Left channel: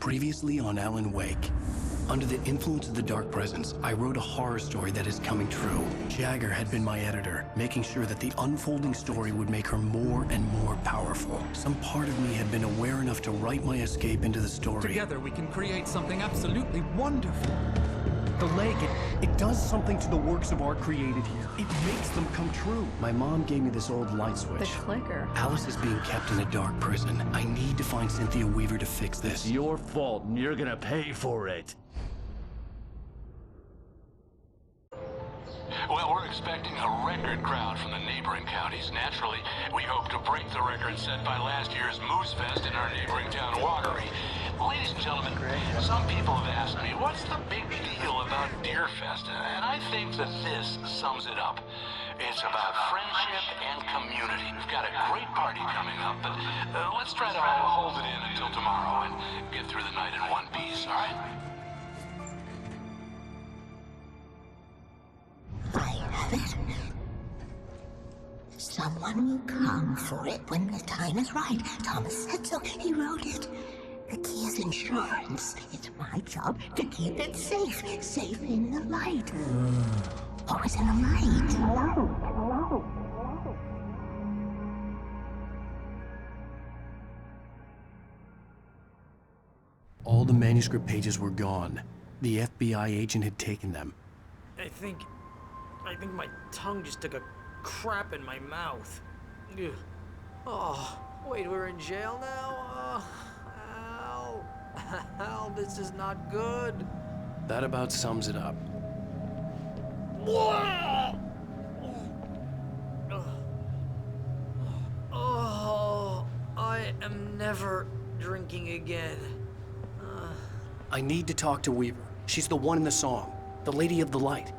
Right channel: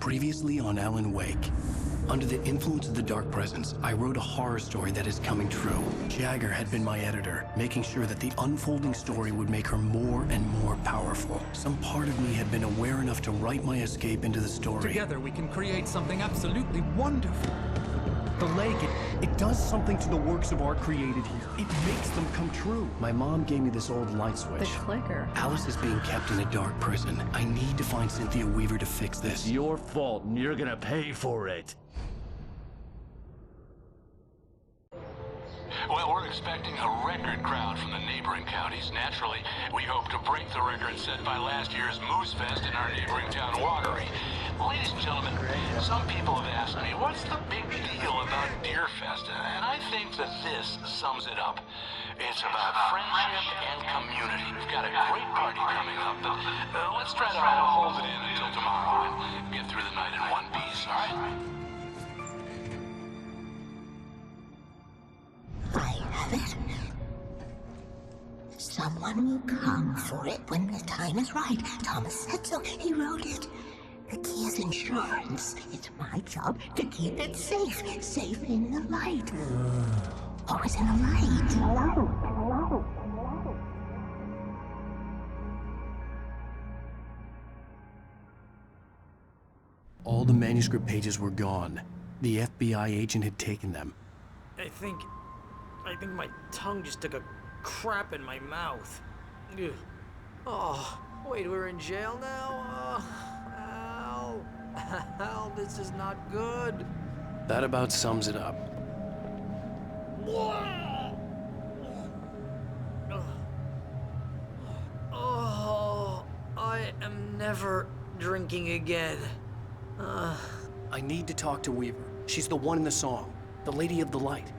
Previously on Alan Wake. Under the influence of the Dark Presence, I wrote a horror story that is coming true. Jagger had been my editor, making sure that the unfolding story would make her more and more powerful. Some part of me had been aware enough to write my escape into the story. Together we can create something absolutely wonderful. The lake, it does something to the works of art created here. It makes them come true. My mom gave me this old light switch. The clicker. Alice is being kept in a dark prison. I need to find Cynthia Weaver to fix this. It's your fault, and you're gonna pay for it. Well, we're expecting a record crowd from the neighboring counties. Naturally, we hope to break the record set by last year's Moose Fest in our neighboring town, Watery. Ladies and gentlemen, some people have asked me, what's the big deal about Deer Fest? And I think that this sums it up. It's about friendship and community. We've got a great party coming up, but let's try to hold it in until tomorrow and get through the night in one piece, all right? I have it. Someone will come for it when the time is right. Thomas said so. He wrote it. The key is insurance. It's my job to keep it safe. Safe in the light. Always in the light. All the manuscript pages were gone. The FBI agent had taken them. I think my tongue just took a crap in my mouth. Ugh. Oh, wait, we're in jail now? Al. Al, this is not good. That about sums it up. Oh, I am never drinking again. I need to talk to Weaver. She's the one in the song. The Lady of the Light.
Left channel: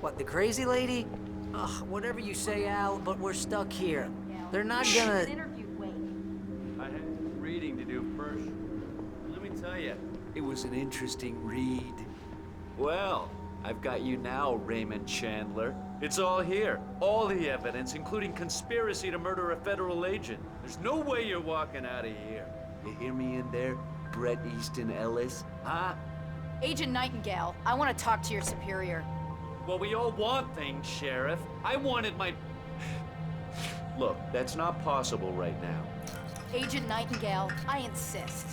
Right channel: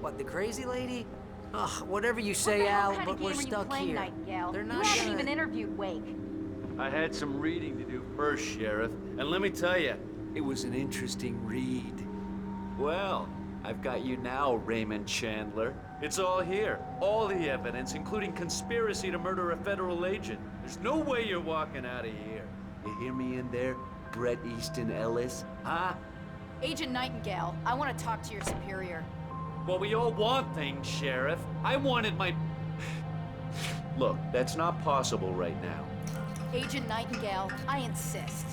What, the crazy lady? Ugh, whatever you say, Al, but we're stuck here. They're not gonna... interviewed Wake. I had some reading to do first, Sheriff. And let me tell you, it was an interesting read. Well, I've got you now, Raymond Chandler. It's all here. All the evidence, including conspiracy to murder a federal agent. There's no way you're walking out of here. You hear me in there, Bret Easton Ellis? Huh? Agent Nightingale, I want to talk to your superior. Well, we all want things, Sheriff. I wanted my... Look, that's not possible right now. Agent Nightingale, I insist.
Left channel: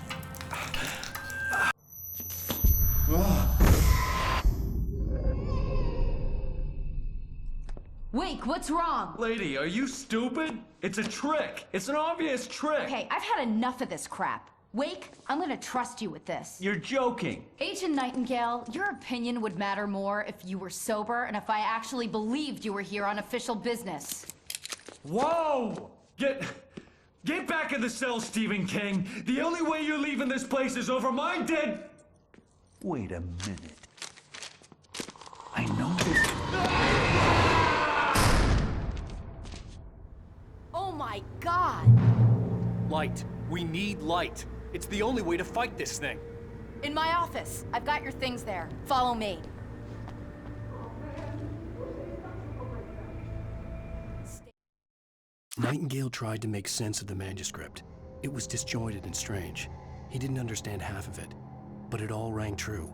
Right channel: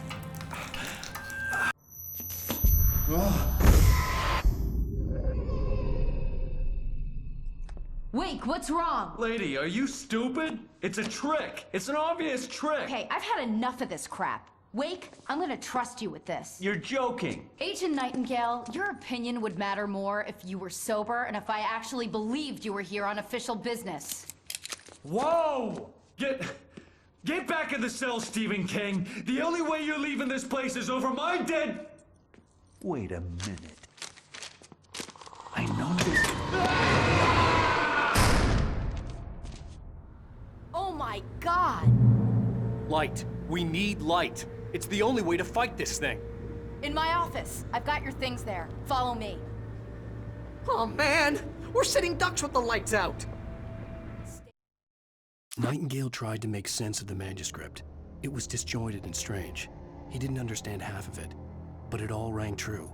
Wake, what's wrong? Lady, are you stupid? It's a trick. It's an obvious trick. Okay, I've had enough of this crap. Wake, I'm gonna trust you with this. You're joking. Agent Nightingale, your opinion would matter more if you were sober and if I actually believed you were here on official business. Whoa! Get back in the cell, Stephen King. The only way you're leaving this place is over my dead... Wait a minute. I know this... Oh my God! Light. We need light. It's the only way to fight this thing. In my office. I've got your things there. Follow me. Oh man, we're sitting ducks with the lights out. Nightingale tried to make sense of the manuscript. It was disjointed and strange. He didn't understand half of it, but it all rang true.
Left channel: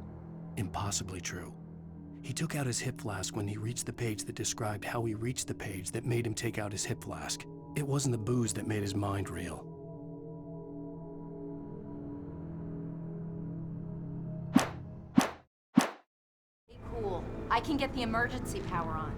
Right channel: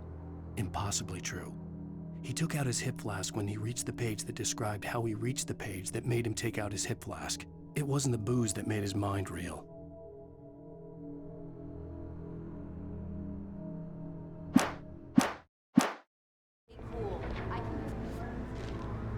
Impossibly true. He took out his hip flask when he reached the page that described how he reached the page that made him take out his hip flask. It wasn't the booze that made his mind reel. Cool. I can get the emergency power on.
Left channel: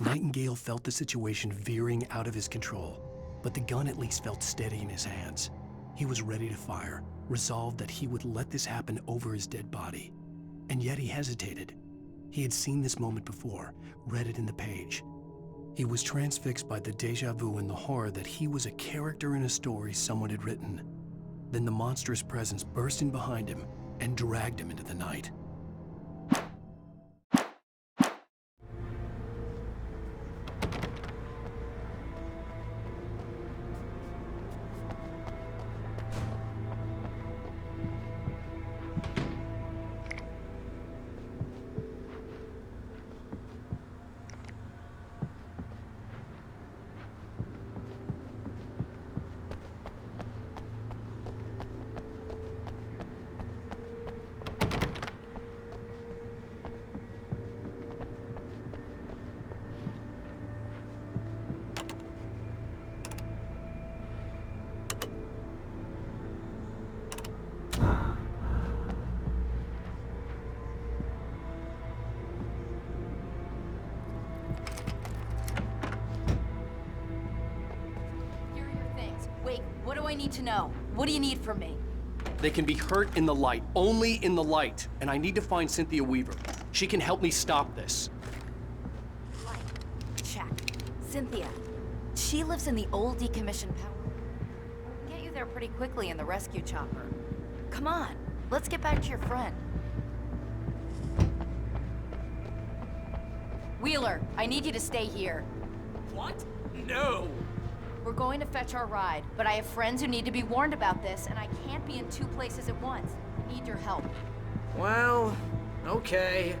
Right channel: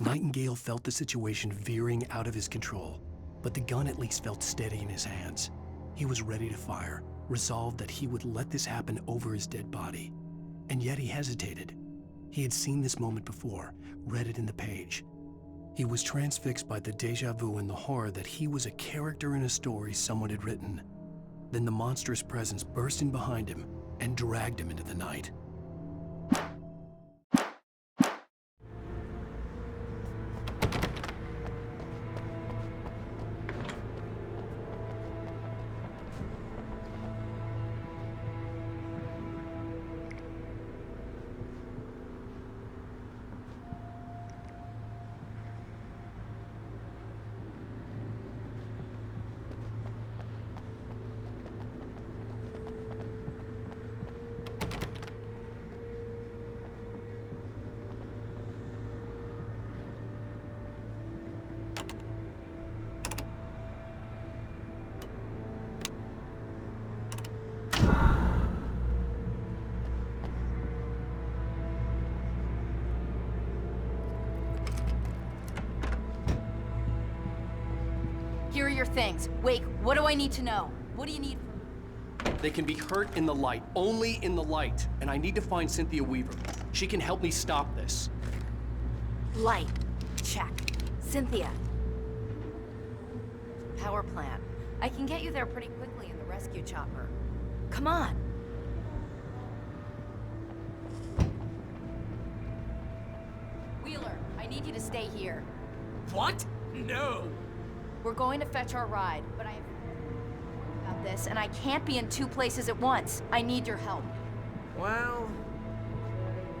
Nightingale felt the situation veering out of his control, but the gun at least felt steady in his hands. He was ready to fire, resolved that he would let this happen over his dead body. And yet he hesitated. He had seen this moment before, read it in the page. He was transfixed by the déjà vu and the horror that he was a character in a story someone had written. Then the monstrous presence burst in behind him and dragged him into the night. are your things. Wake, what do I need to know? What do you need from me? They can be hurt in the light, only in the light. And I need to find Cynthia Weaver. She can help me stop this. Light. Check. Cynthia. She lives in the old decommissioned power plant. I can get you there pretty quickly in the rescue chopper. Come on, let's get back to your friend. Wheeler, I need you to stay here. What? No! We're going to fetch our ride, but I have friends who need to be warned about this, and I can't be in 2 places at once. I need your help. Well, okay.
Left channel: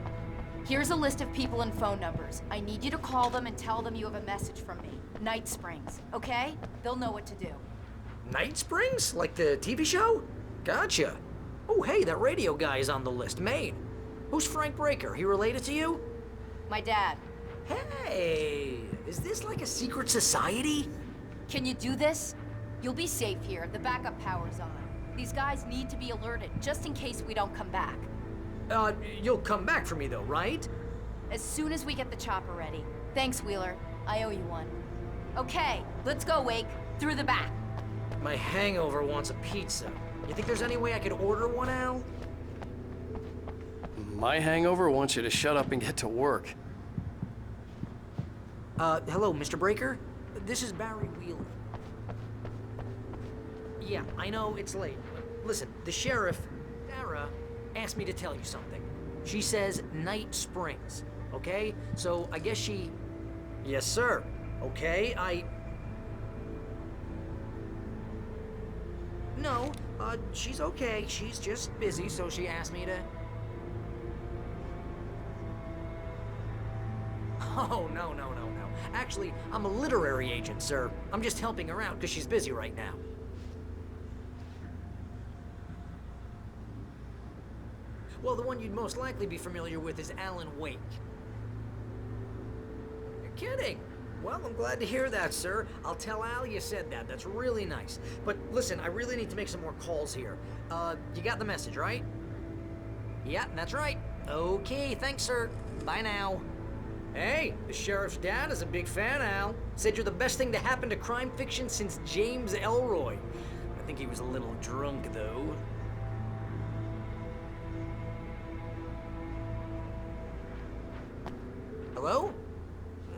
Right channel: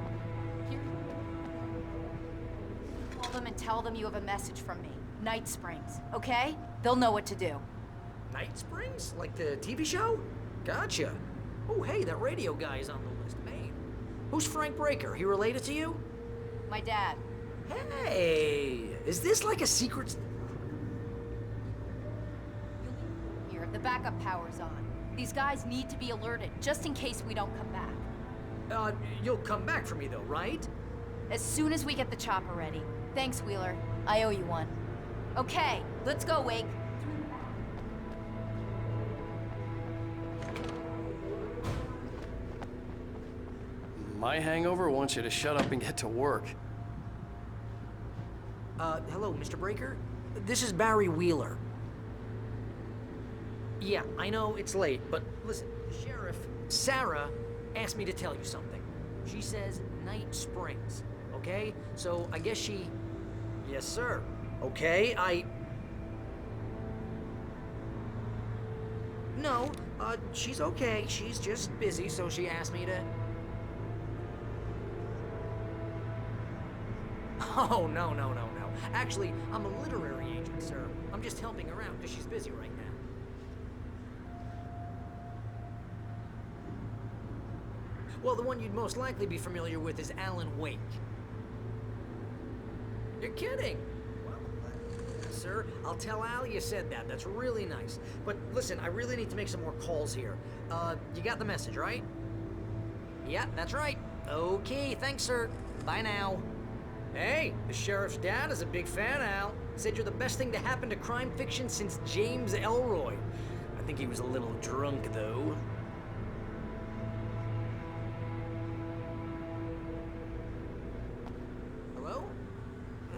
Here's a list of people and phone numbers. I need you to call them and tell them you have a message from me. Night Springs, okay? They'll know what to do. Night Springs? Like the TV show? Gotcha. Oh, hey, that radio guy is on the list, Maine. Who's Frank Breaker? He related to you? My dad. Hey, is this like a secret society? Can you do this? You'll be safe here. The backup power's on. These guys need to be alerted, just in case we don't come back. You'll come back for me though, right? As soon as we get the chopper ready. Thanks, Wheeler. I owe you one. Okay, let's go, Wake. Through the back. My hangover wants a pizza. You think there's any way I could order one, Al? My hangover wants you to shut up and get to work. Hello, Mr. Breaker? This is Barry Wheeler. Yeah, I know it's late, but listen, the sheriff, Sarah, asked me to tell you something. She says Night Springs, okay? So I guess she... Yes, sir. Okay, No, she's okay. She's just busy, so she asked me to... Oh, no. Actually, I'm a literary agent, sir. I'm just helping her out because she's busy right now. Well, the one you'd most likely be familiar with is Alan Wake. You're kidding? Well, I'm glad to hear that, sir. I'll tell Al you said that. That's really nice. But listen, I really need to make some more calls here. You got the message, right? Yeah, that's right. Okay, thanks, sir. Bye now. Hey, the sheriff's dad is a big fan, Al. Said you're the best thing to happen to crime fiction since James Elroy. I think he was a little drunk, though. Hello?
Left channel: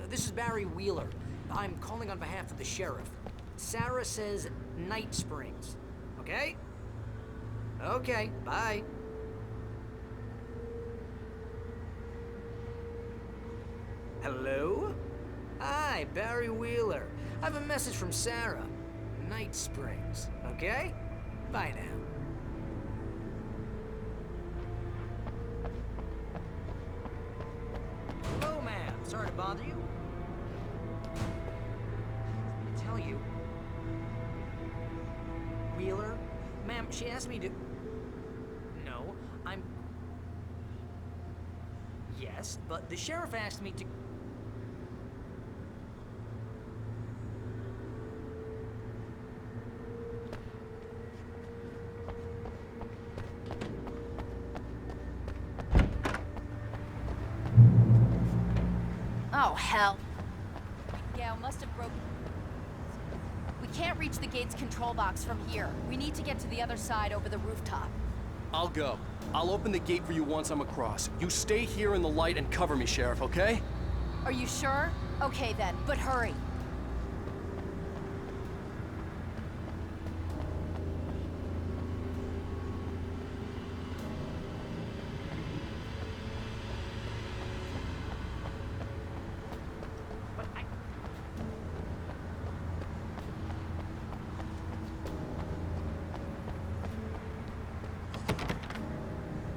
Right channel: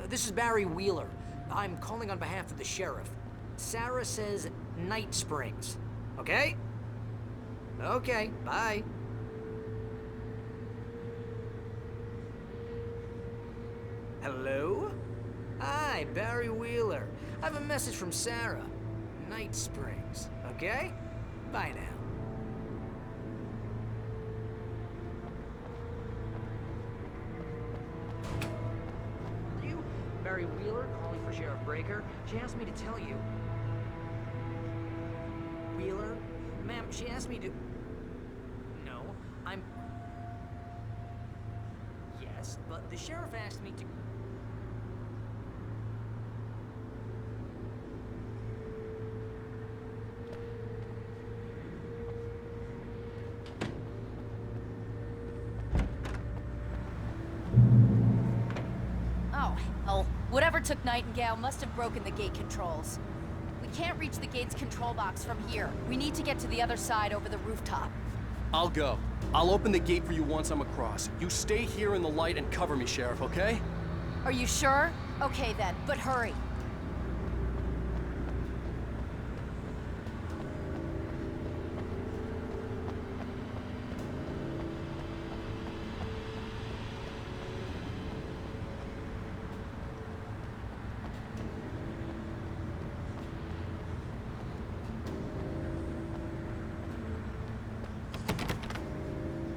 This is Barry Wheeler. I'm calling on behalf of the sheriff. Sarah says Night Springs. Okay? Okay, bye. Hello? Hi, Barry Wheeler. I have a message from Sarah. Night Springs. Okay? Bye now. Hello, ma'am. Sorry to bother you. Barry Wheeler, calling for Sheriff Breaker. She asked me to tell you. Wheeler? Ma'am, she asked me to... No, I'm... Yes, but the sheriff asked me to... Oh, hell. Whatever took Nightingale must have broken the gate controls. We can't reach the gate's control box from here. We need to get to the other side over the rooftop. I'll go. I'll open the gate for you once I'm across. You stay here in the light and cover me, Sheriff, okay? Are you sure? Okay then, but hurry.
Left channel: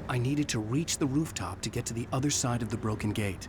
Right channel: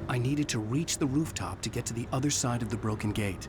I needed to reach the rooftop to get to the other side of the broken gate.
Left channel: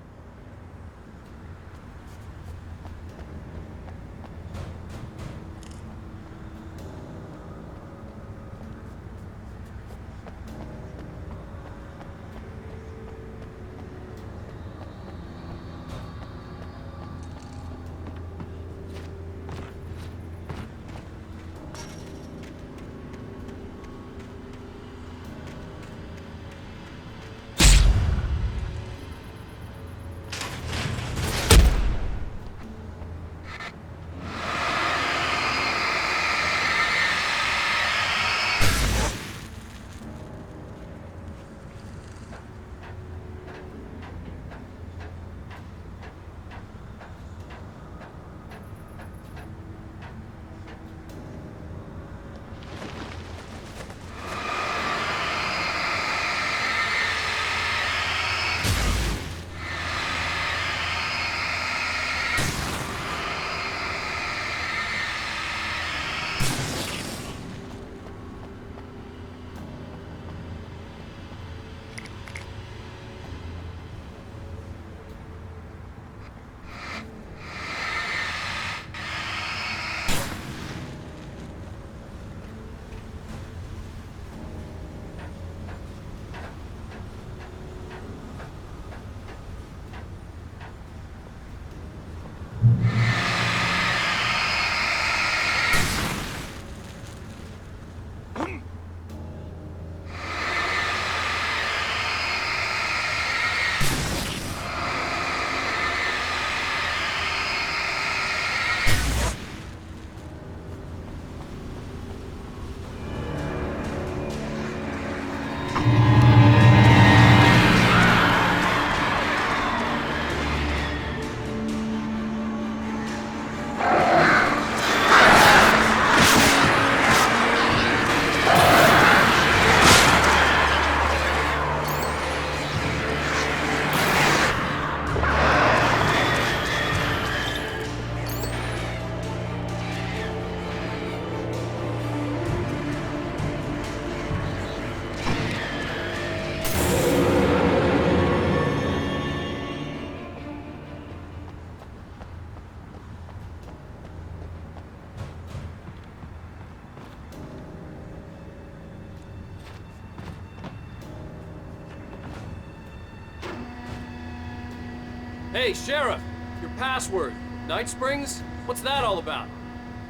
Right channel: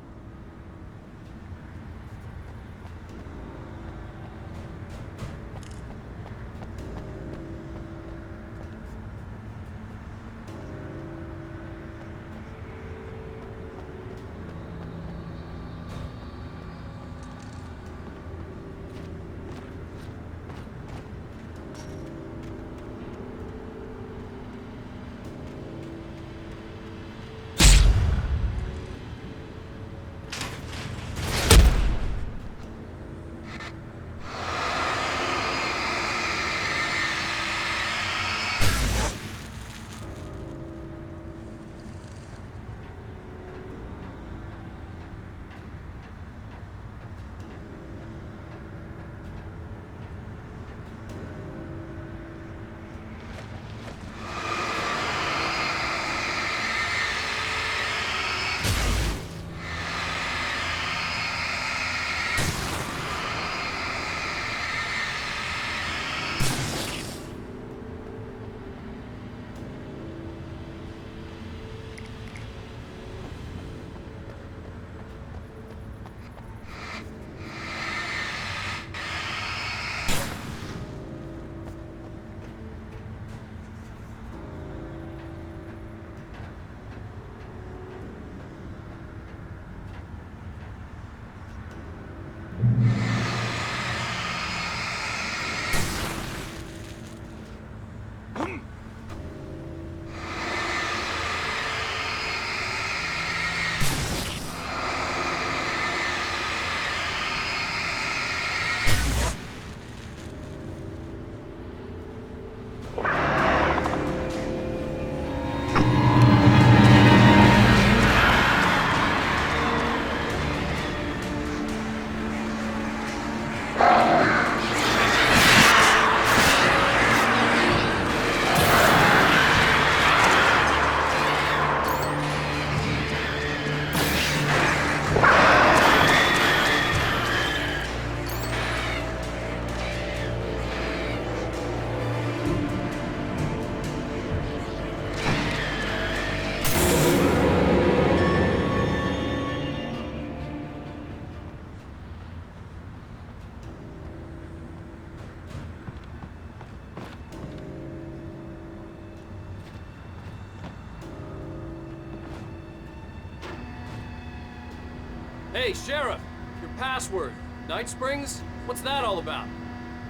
Hey, Sheriff! Your password. Night Springs? What's that all about?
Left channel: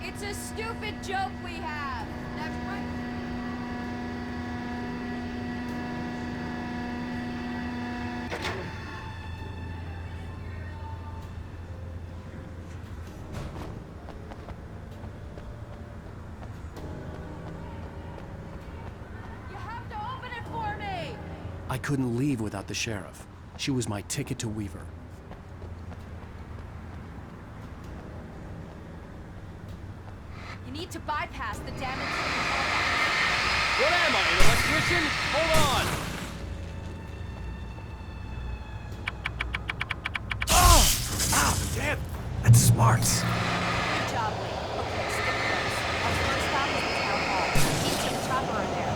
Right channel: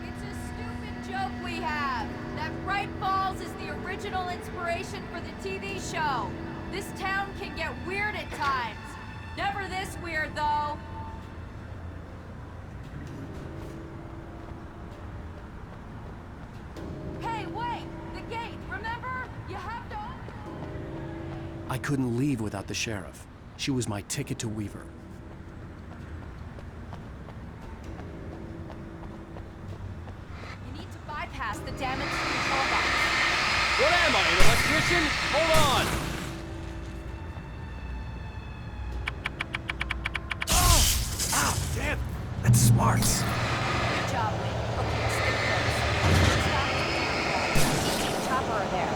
It's a stupid joke we have. That Bright Falls is the original inspiration for the TV show. This town can get weird at times. Never this weird, though. Hey, wait! The gate, remember? You have to open it for me! I couldn't leave without the sheriff. She was my ticket to Weaver. You need to bypass the damaged control box. What am I, an electrician? Hold on! Ow, damn! That's smart. Good job, Wade. Okay, stick close. Our first stop is the town hall. Easy and Chopper are there.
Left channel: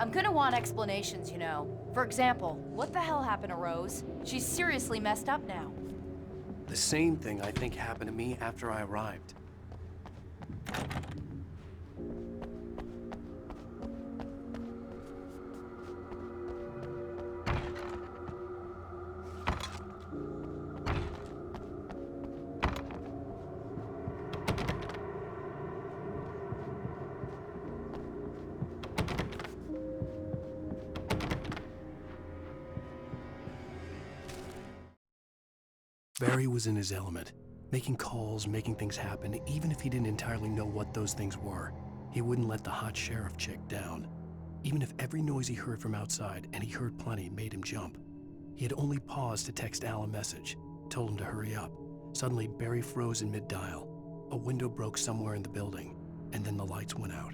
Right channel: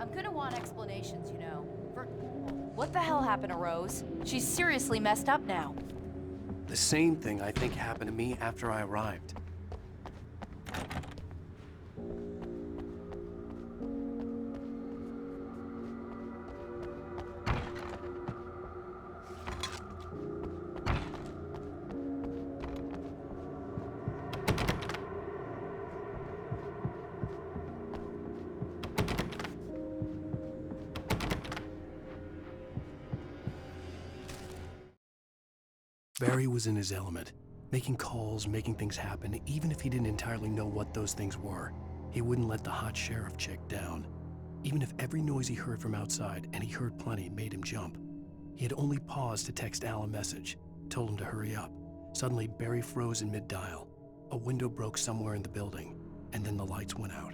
I'm gonna want explanations, you know. For example, what the hell happened to Rose? She's seriously messed up now. The same thing I think happened to me after I arrived. Barry was in his element, making calls, making things happen, even if he didn't entirely know what those things were. He wouldn't let the hot sheriff chick down. Even if every noise he heard from outside, and he heard plenty, made him jump. He had only paused to text Al a message, told him to hurry up. Suddenly, Barry froze in mid-dial. A window broke somewhere in the building, and then the lights went out.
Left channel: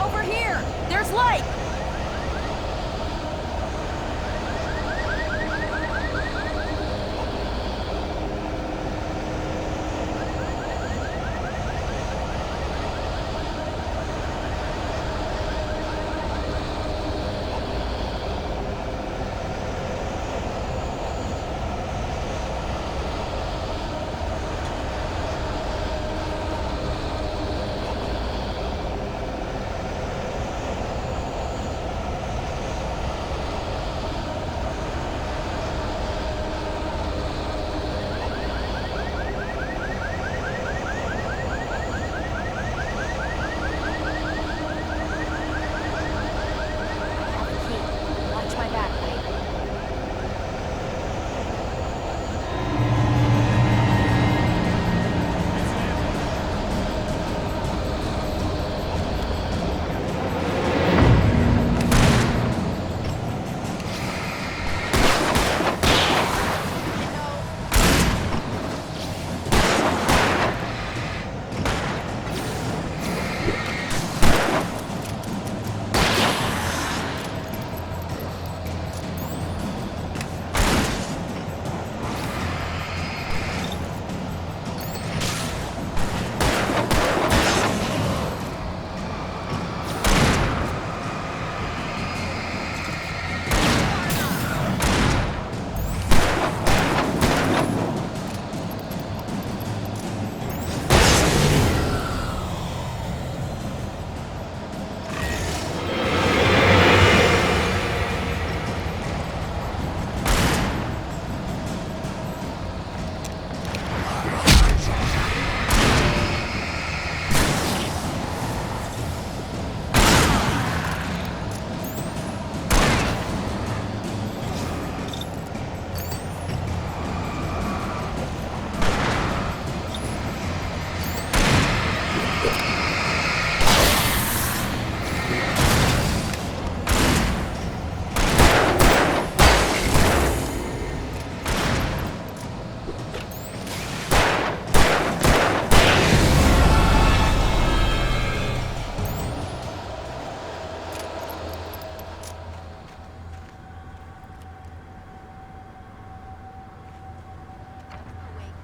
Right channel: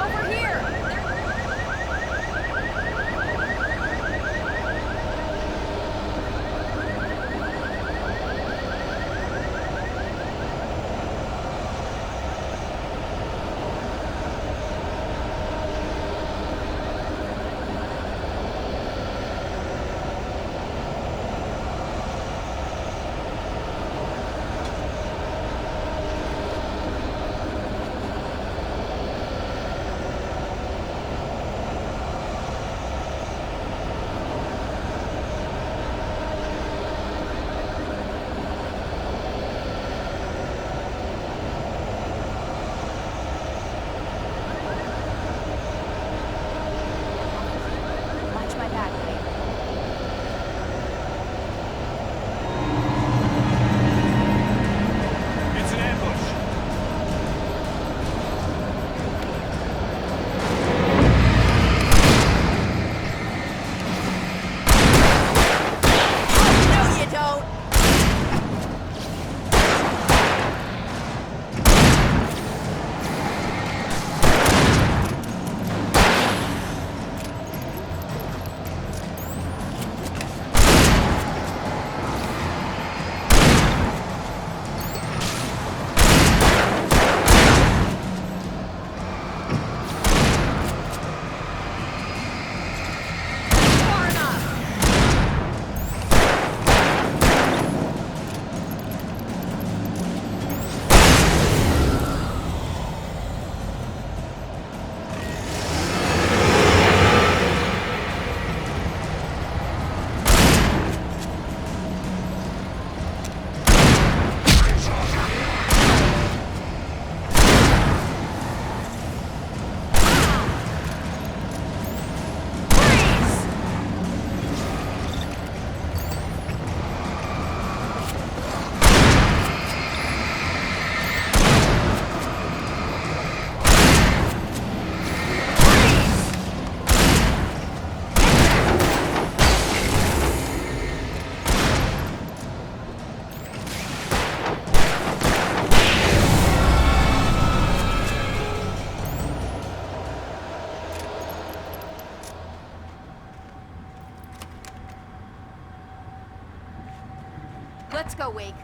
Over here! There's light! Watch my back, Wade. It's an ambush. No, you don't. Let's go, Wake.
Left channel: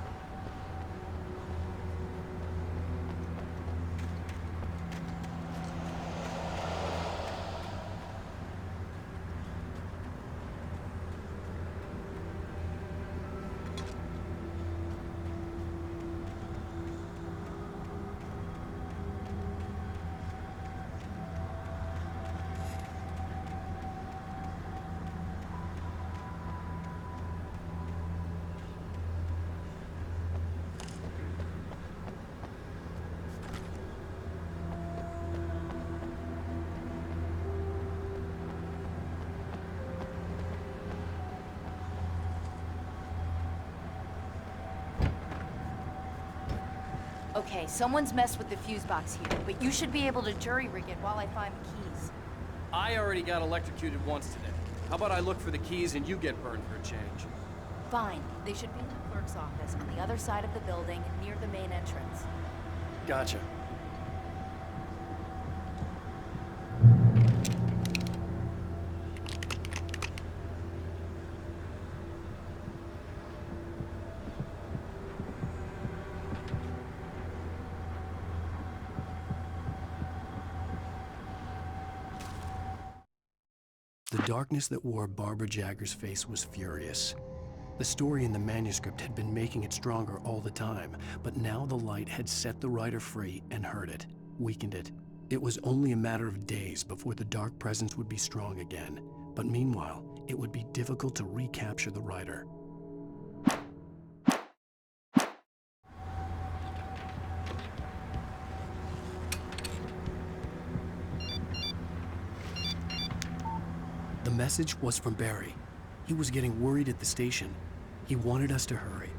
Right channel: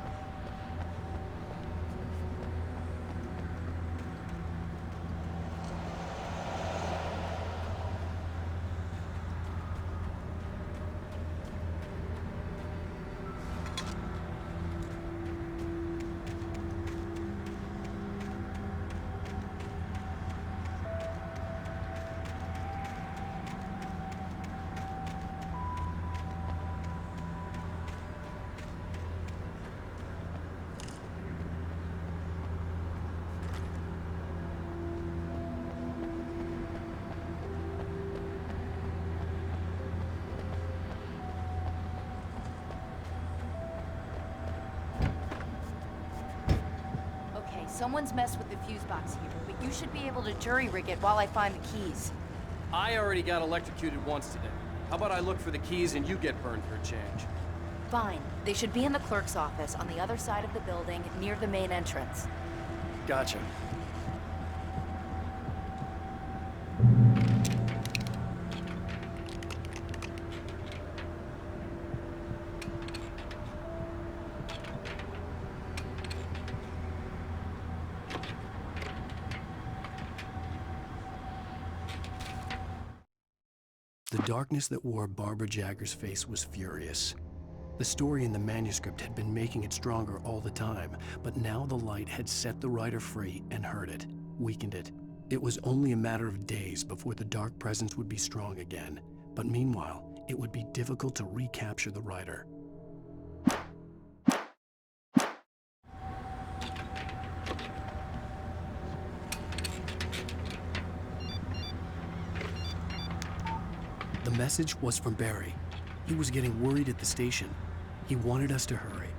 Okay, someone's messed with the fuse box here, but you should be able to jury-rig it while I find the keys. I already got electrocuted once today. How about I look for the keys and you get burned for a change? Fine. They should be in the clerk's office on the other side of the building, near the main entrance. Gotcha. The darkness that wore Barbara Jagger's face was furious. The story in the manuscript had been making it stronger all the time, but now the light had set the writer free and hurt it, weakened it. It was only a matter of days before the dark presence would be strong again, but meanwhile, it would be difficult to recapture the writer. The message was from Barry. He was getting worried at the station. He wanted us to hurry.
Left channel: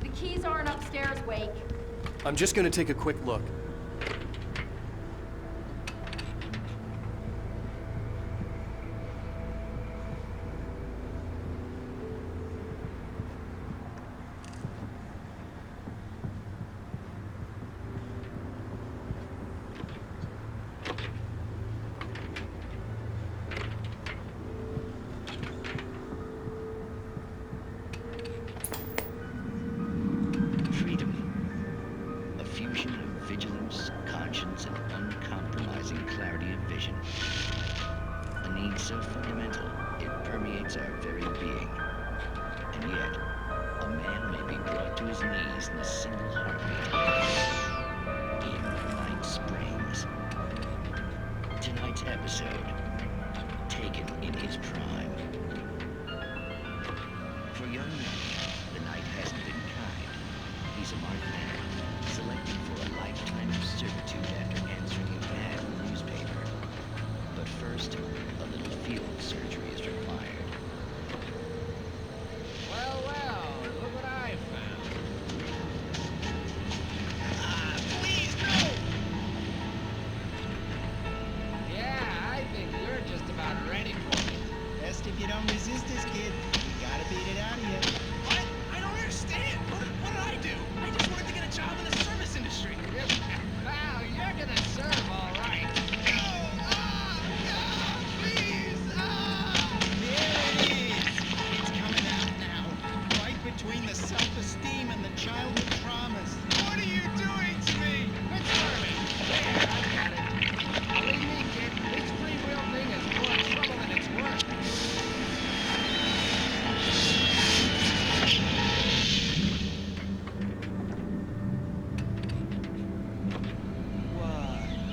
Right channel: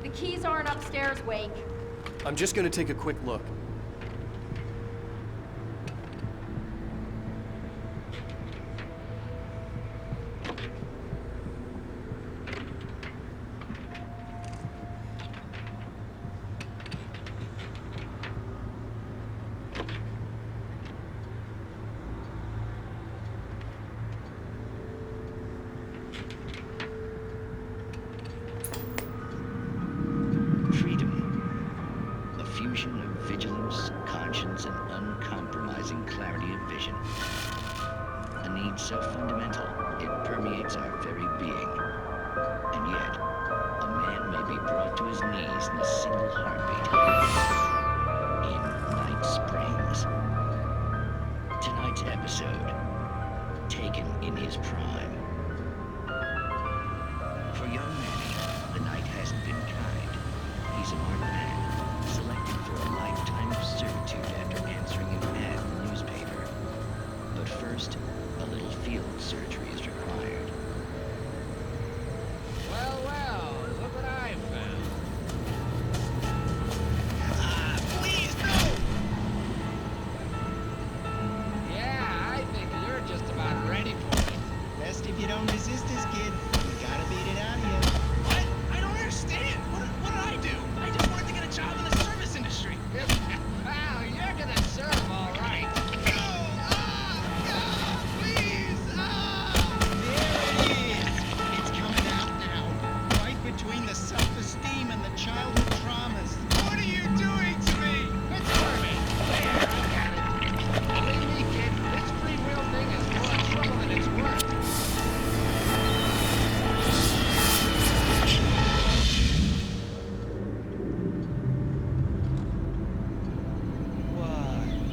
The keys aren't upstairs, Wake. I'm just gonna take a quick look. Freedom. A fusion of vigilance, conscience, and uncompromising clarity of vision. A need so fundamental, it permeates our very being. And yet, a man may be brought to his knees in a single heartbeat. In Night Springs. Tonight's episode, taken in his prime. For young Manny, the night hasn't been kind. He's a marked man, selected for a lifetime of servitude after answering an ad in the newspaper. But first, a little field surgery is required. Well, well, look what I found. Please, no! Yeah, I think you're just if you don't resist this kid. We gotta beat it out of you. What? I don't understand. What did I do? I just wanted to get a job in the service industry. Wow, you're gonna serve all right. No! Please! There it is. It's coming out now. Right between the self-esteem and the childhood traumas. What are you doing to me? It's squirming. There, I got it. Believe me, kid, this free will thing is more trouble than it's worth.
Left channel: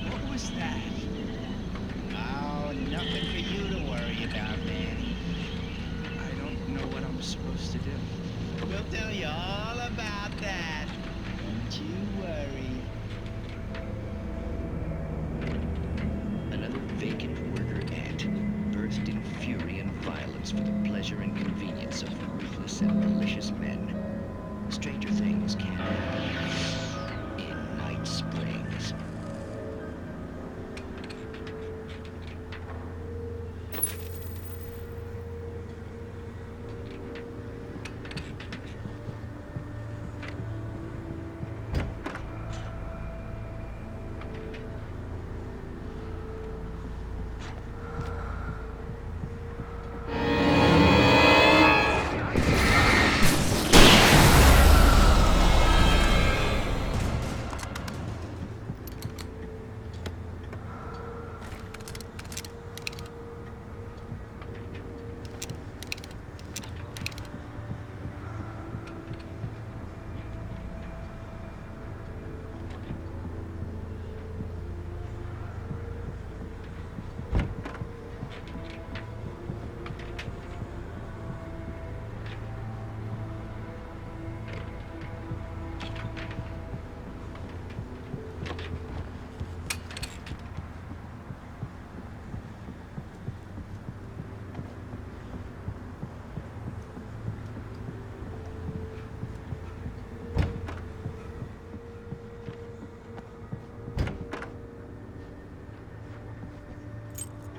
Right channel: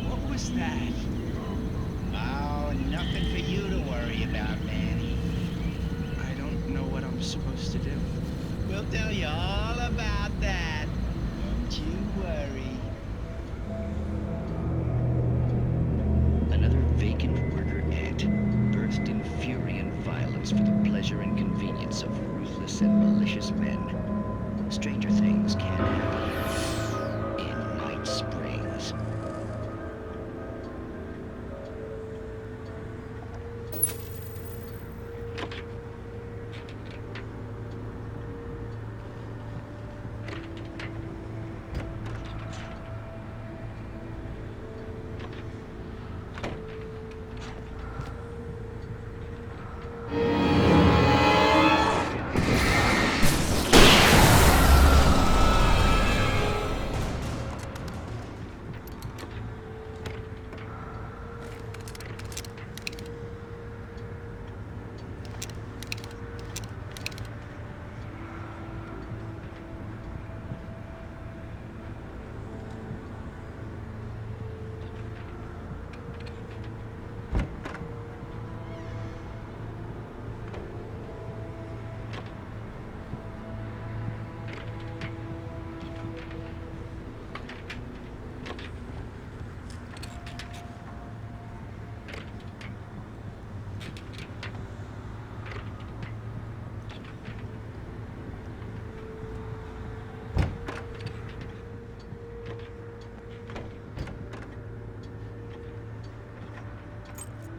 What was that? Oh, nothing for you to worry about, Manny. I don't know what I'm supposed to do. We'll tell you all about that. Don't you worry. Another vacant worker ant burst in fury and violence for the pleasure and convenience of ruthless and malicious men. Stranger things can happen in Night Springs.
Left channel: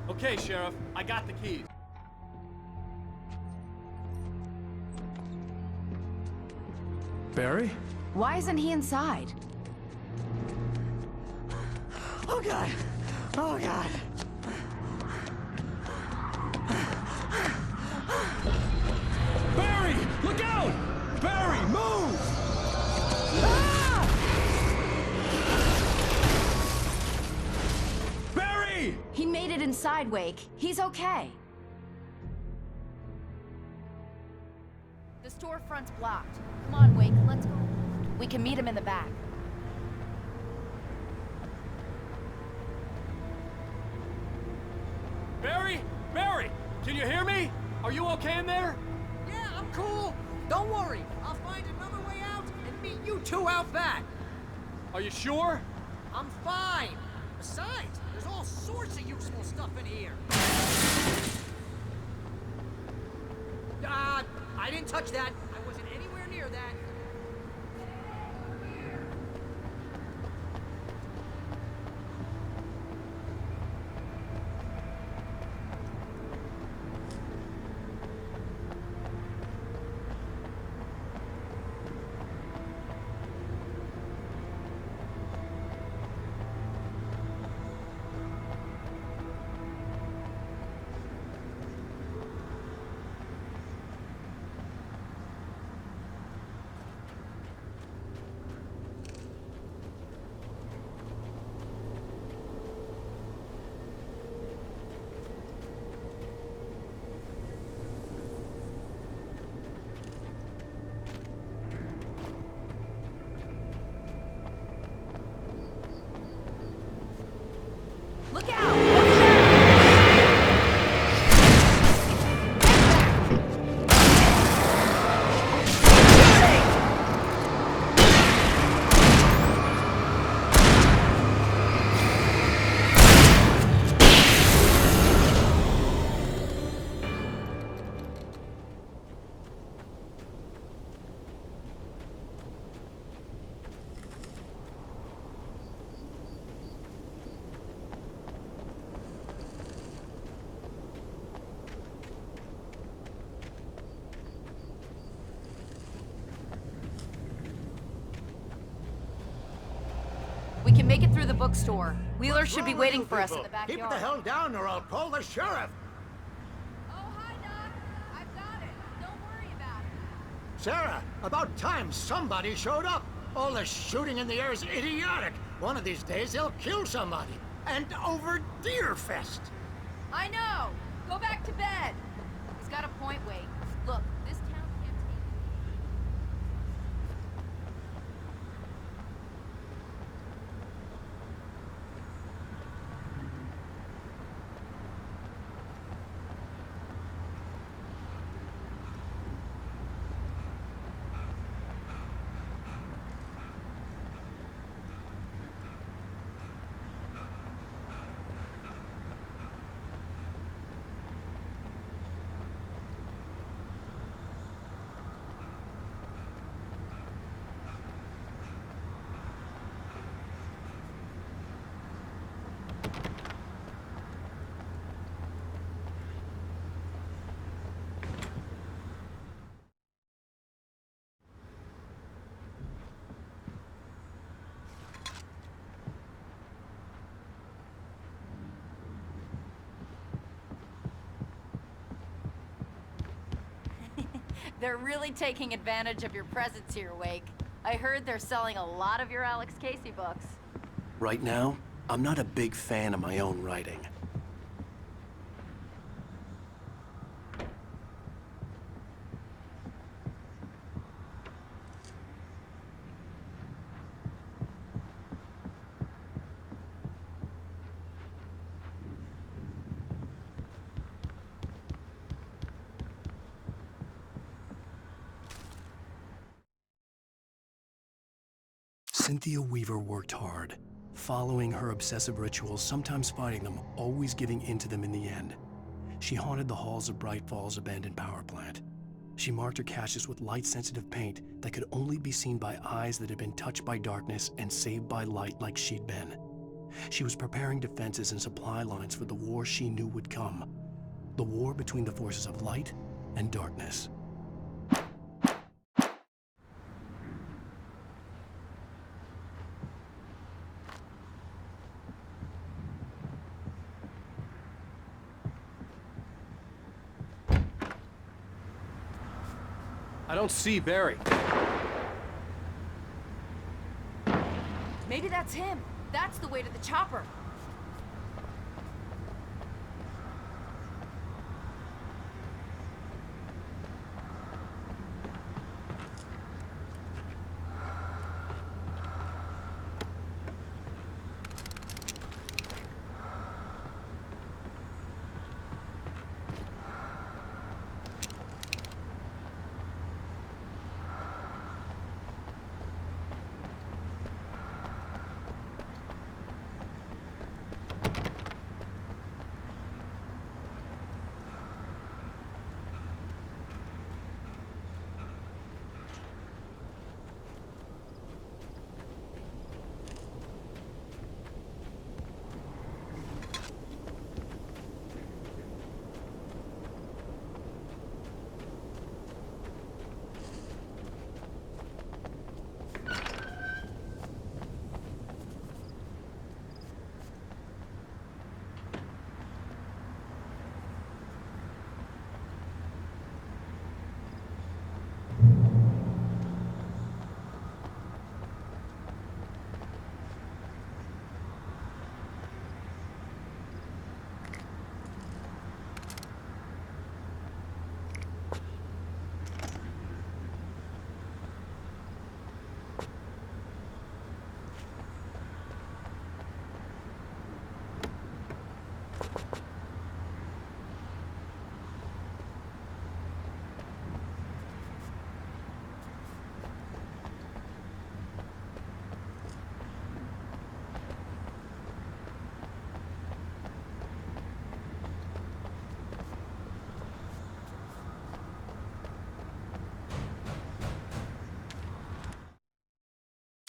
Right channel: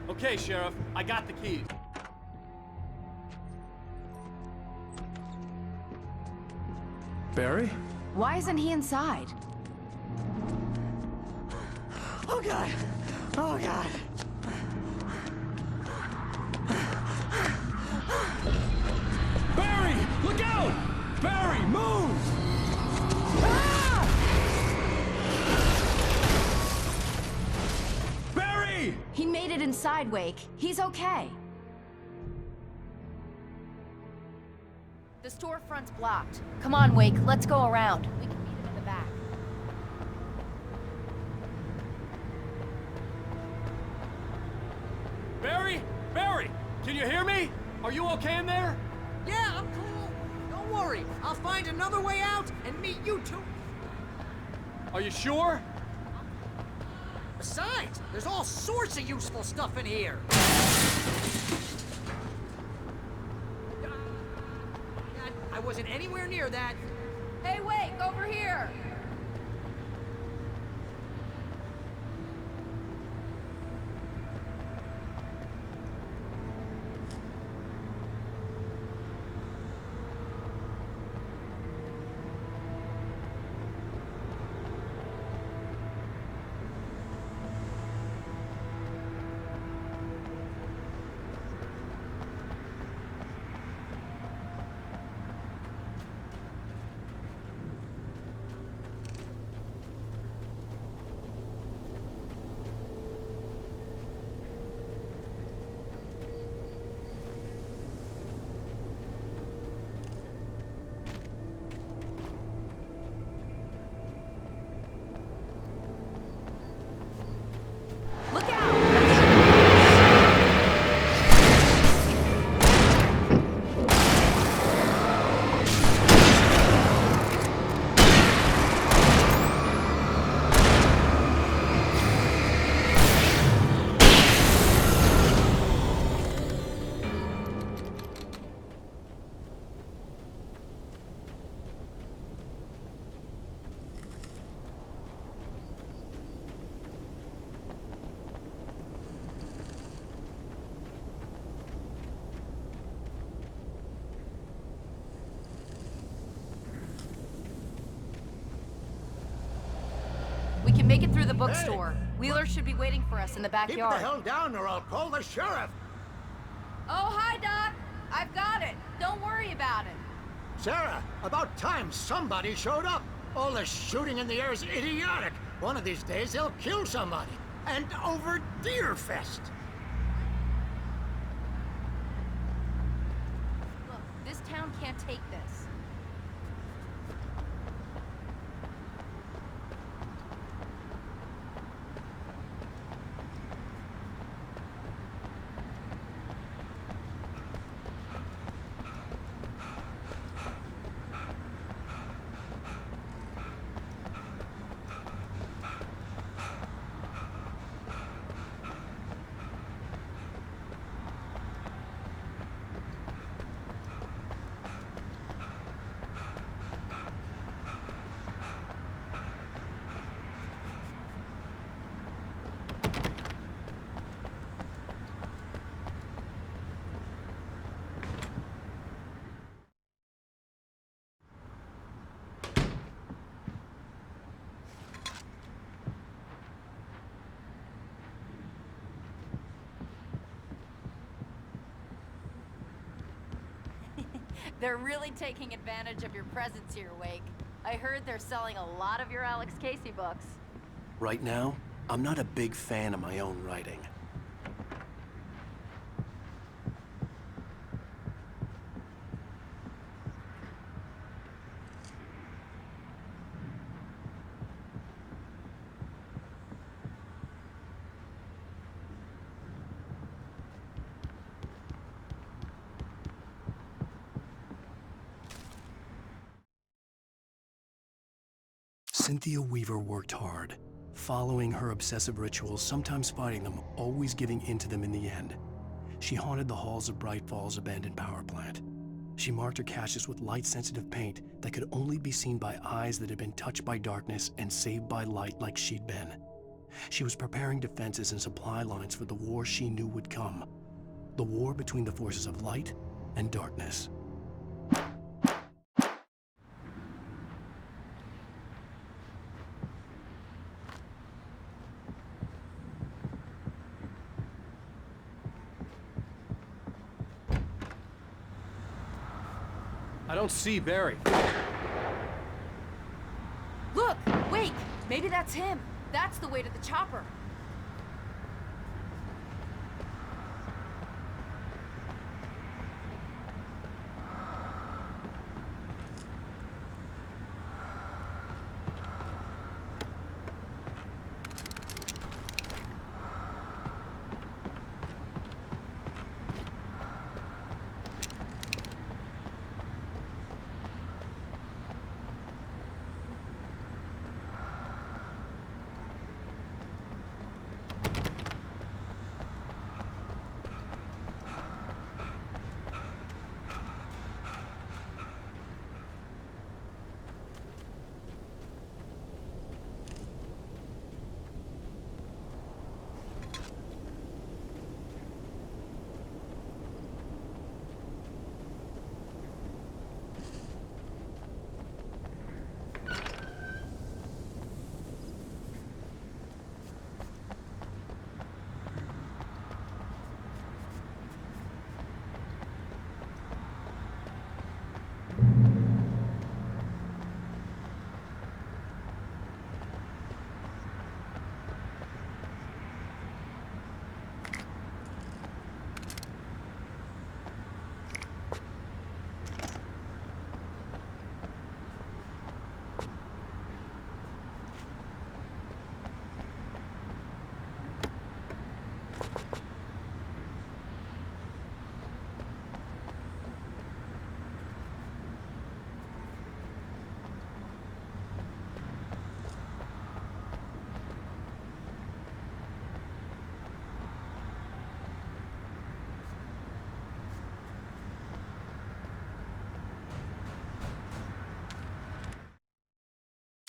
Okay, Sheriff, I got the keys. Barry? Why isn't he inside? Oh god! Oh god! Barry! Look out! Barry, move! Barry! He made it inside, Wake. He's okay. The storefront's blocked. Come on, Wake, let's go around. We can meet him in the back. Barry? Barry! Can you hear me? Are you okay in there? Yeah, I'm cool. Don't worry. I'll find another way out and meet you two out back. Are you sure? I'm fine. Besides, there's all sorts of useful stuff in here. I didn't touch that. I wasn't anywhere near that. Hey, Wake, over here! can make it through the bookstore. Wheeler should be waiting for us in the backyard. Keep the hell down or I'll call the sheriff! Oh, hi, Doc. I've got it. Don't worry about it. Sarah, about time somebody showed up. All this shooting in the air is idiotic. One of these days they'll kill somebody. And over Deerfest. I know. Go back to bed. He's got a point, Wade. Look, this town can't take this. They're really taking advantage of your presence here, Wake. I heard they're selling a lot of your Alex Casey books. Right now, I'm not a big fan of my own writing. Cynthia Weaver worked hard, following her obsessive rituals, sometimes fighting them, always giving in to them in the end. She haunted the halls of Bright Falls' abandoned power plant. She marked her caches with light-sensitive paint that could only be seen by eyes that had been touched by darkness and saved by light like she'd been. She was preparing defenses and supply lines for the war she knew would come. The war between the forces of light and darkness. I don't see Barry. Look, wait, maybe that's him. That's the way to the chopper.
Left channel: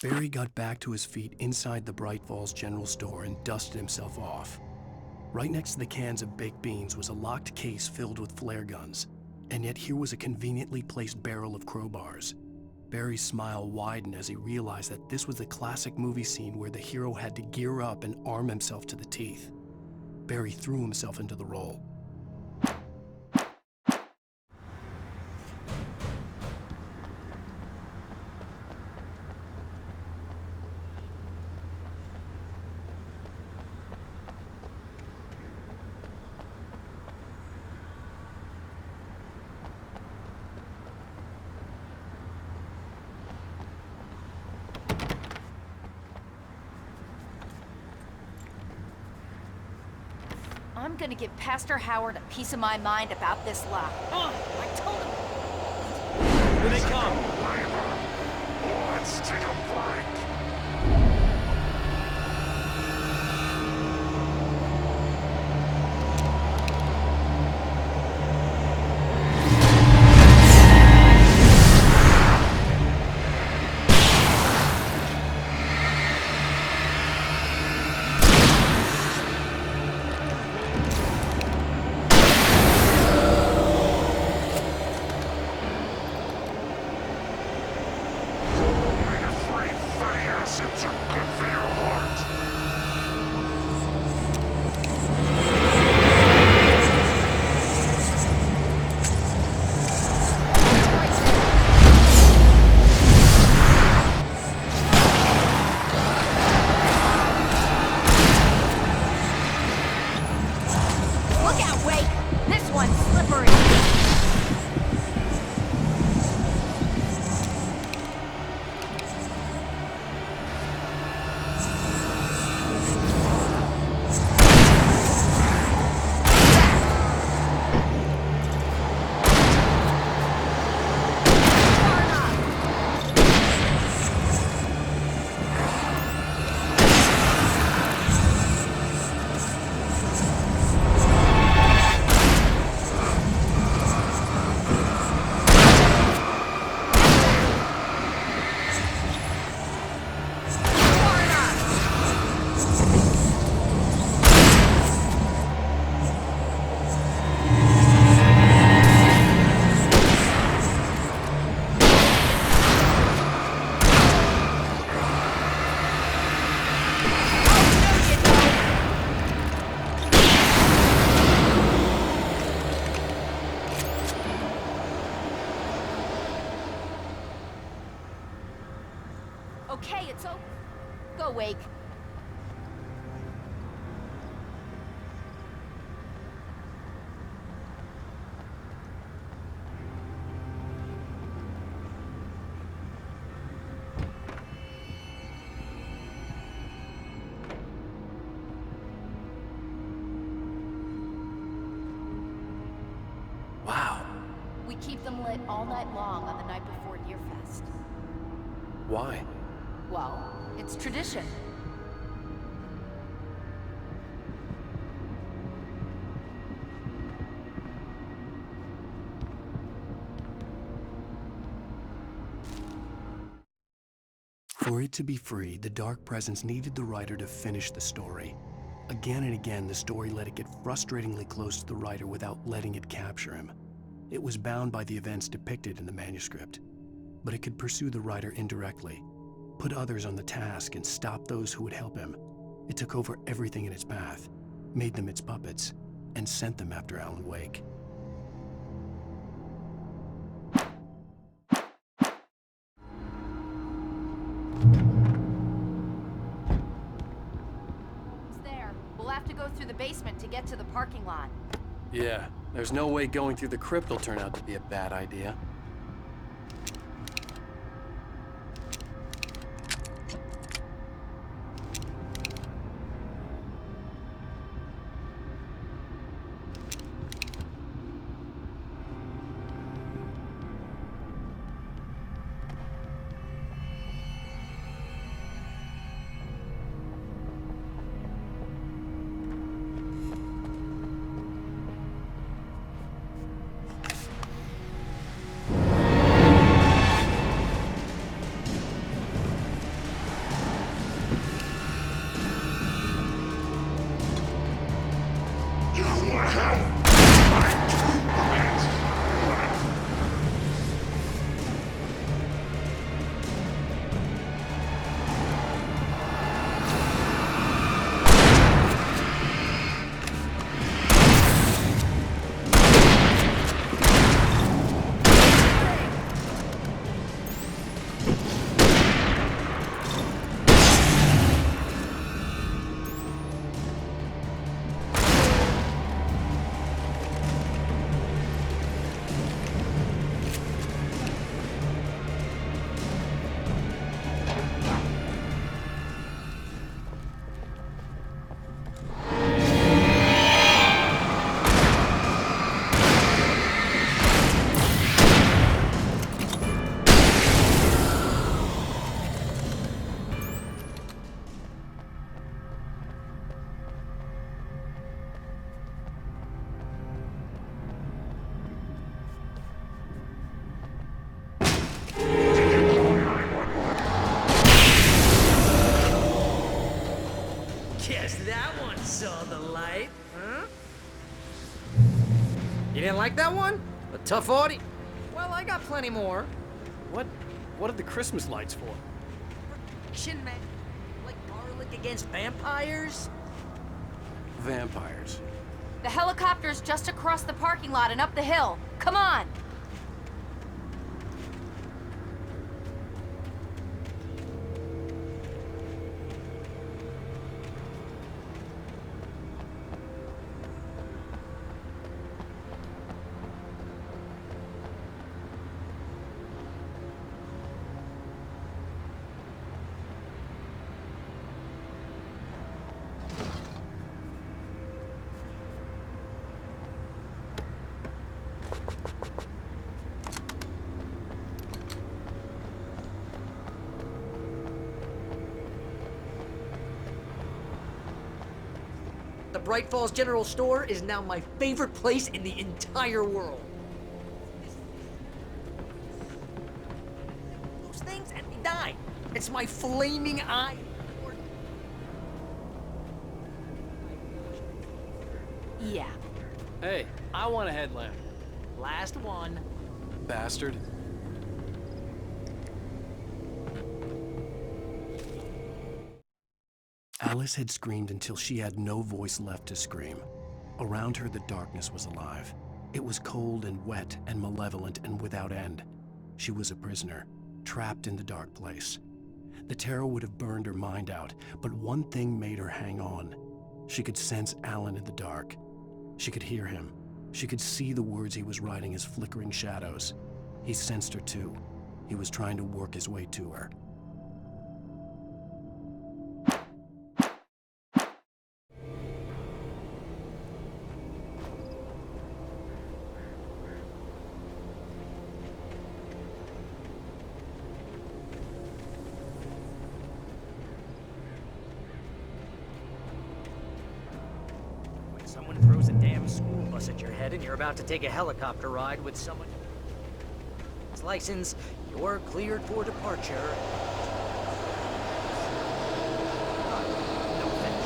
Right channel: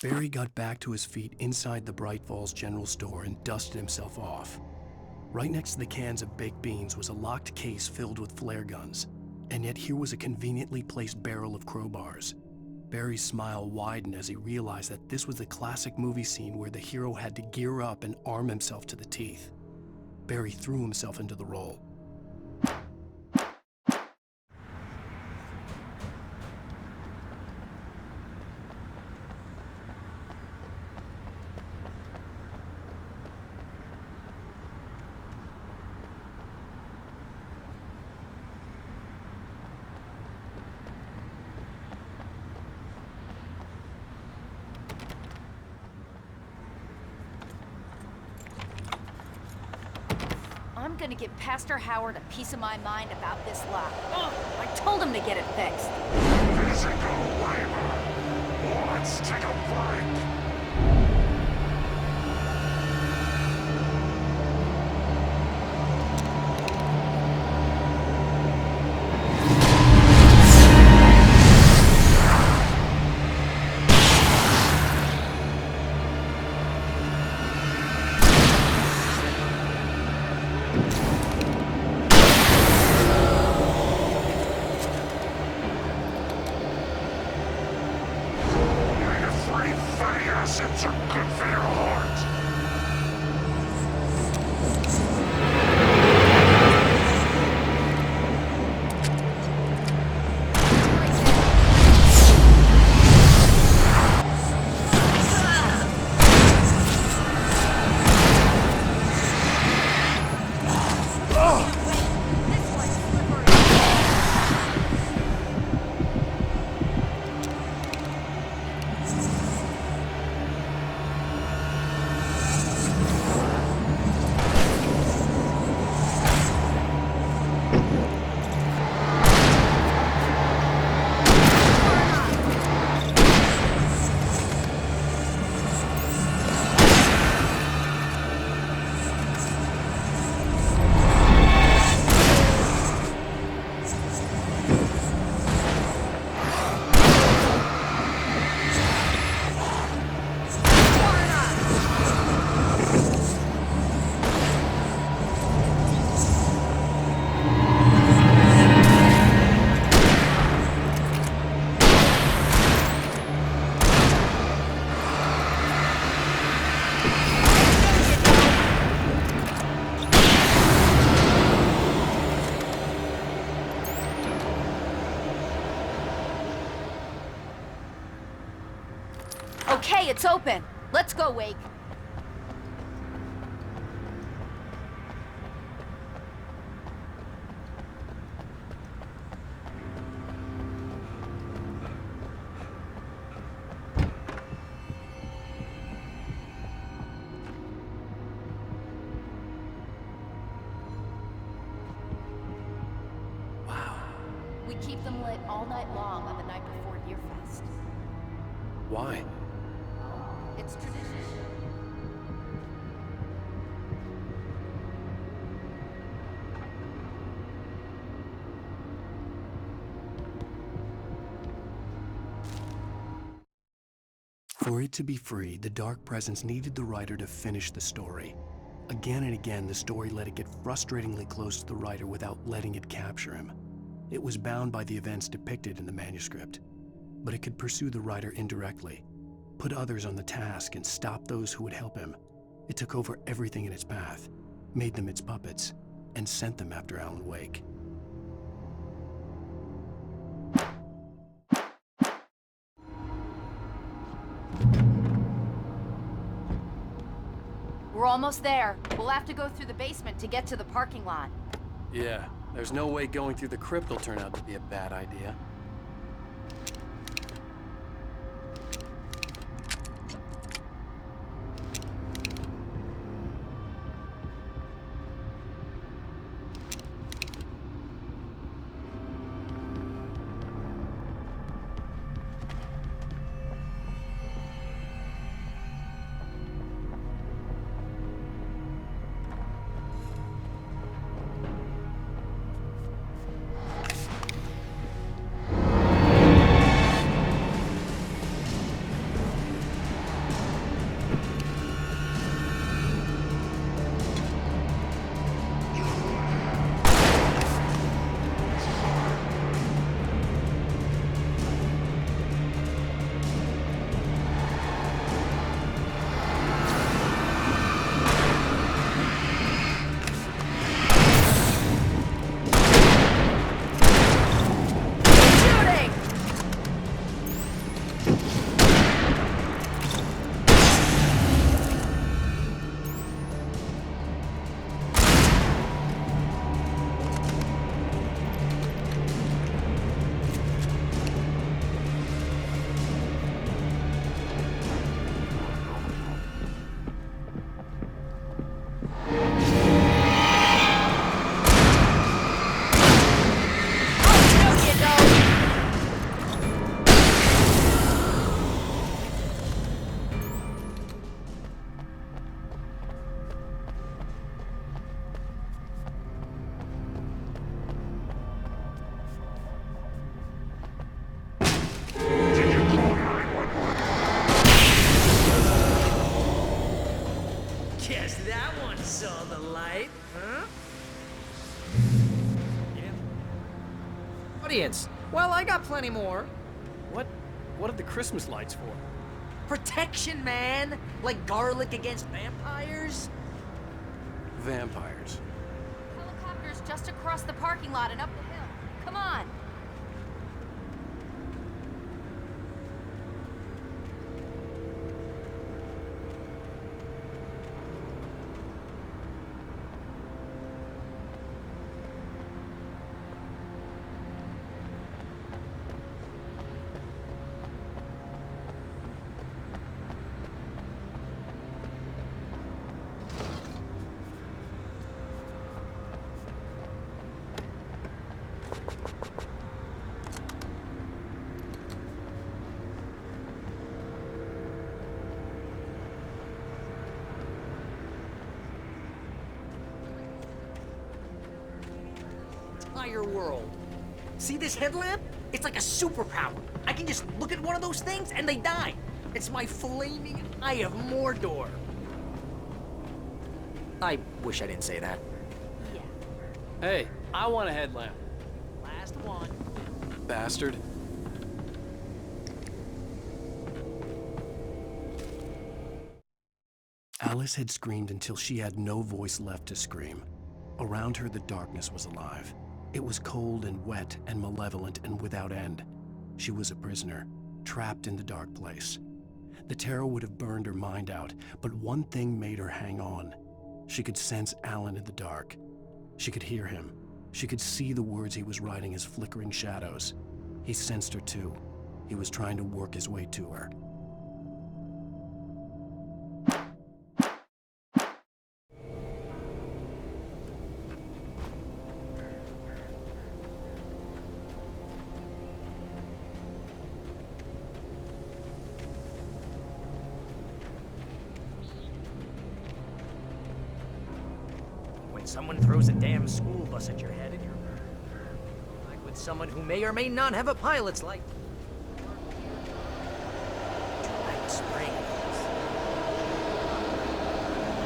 Barry got back to his feet inside the Bright Falls General Store and dusted himself off. Right next to the cans of baked beans was a locked case filled with flare guns, and yet here was a conveniently placed barrel of crowbars. Barry's smile widened as he realized that this was the classic movie scene where the hero had to gear up and arm himself to the teeth. Barry threw himself into the role. I'm gonna give Pastor Howard a piece of my mind about this lock. Ugh, I told him to get it fixed. Physical labor. Let's take a break. Omega-3 fatty acids are good for your heart. Look out, wait! This one's slippery! Okay, it's open. Let's go, Wake. Wow. We keep them lit all night long on the night before Deerfest. Why? Well, it's tradition. For it to be free, the Dark Presence needed the writer to finish the story. Again and again, the story let it get frustratingly close to the writer without letting it capture him. It was bound by the events depicted in the manuscript, but it could pursue the writer indirectly, put others on the task, and stop those who would help him. It took over everything in its path, made them its puppets, and sent them after Alan Wake. We're almost there. We'll have to go through the basement to get to the parking lot. Yeah, there's no way going through the crypt will turn out to be a bad idea. that one saw the light, huh? You didn't like that one? A tough audience. Well, I got plenty more. What are the Christmas lights for? Protection, man! Like garlic against vampires? Vampires. The helicopter's just across the parking lot and up the hill. Come on! The Bright Falls General Store is now my favorite place in the entire world. See this headlamp? It's like a superpower. I can just look at one of those things and they die. It's my flaming eye of Mordor. I wish I didn't say that. Yeah. Hey, I want a headlamp. Last one. Bastard. Alice had screamed until she had no voice left to scream. Around her, the darkness was alive. It was cold and wet and malevolent and without end. She was a prisoner, trapped in the dark place. The terror would have burned her mind out, but one thing made her hang on. She could sense Alan in the dark. She could hear him. She could see the words he was writing as flickering shadows. He sensed her too. He was trying to work his way to her. Someone throws a damn school bus at your head and you're about to take a helicopter ride with someone who may or may not have a pilot's license, you're cleared for departure to Night Springs. No offense.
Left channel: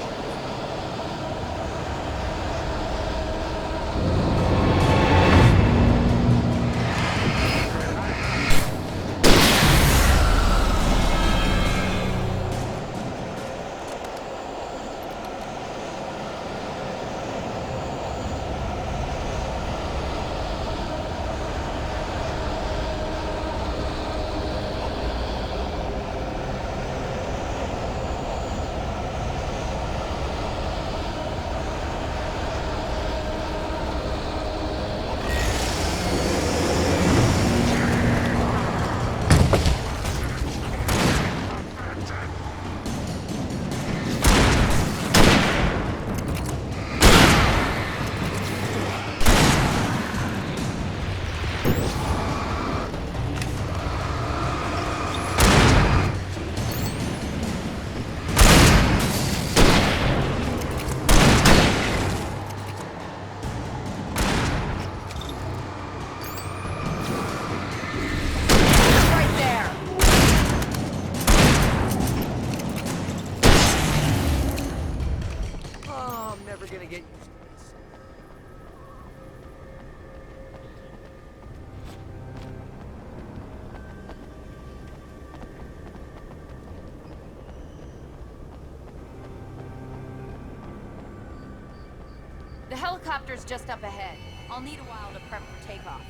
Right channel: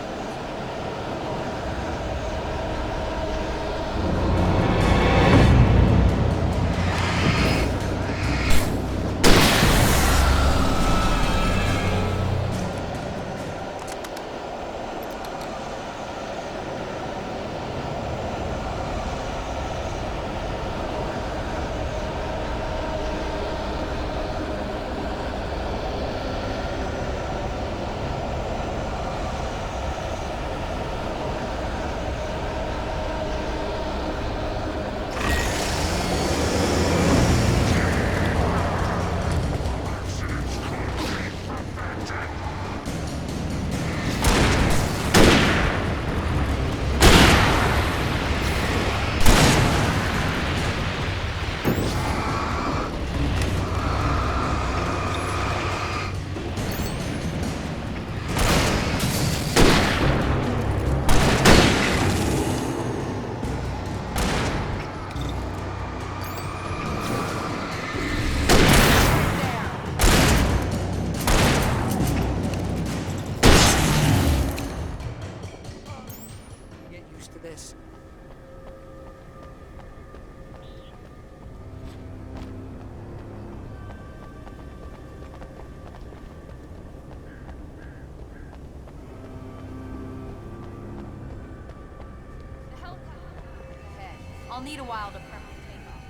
The helicopter's just up ahead. I'll need a while to prep for takeoff.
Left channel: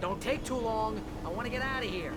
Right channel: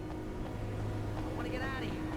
Don't take too long. I want to get out of here.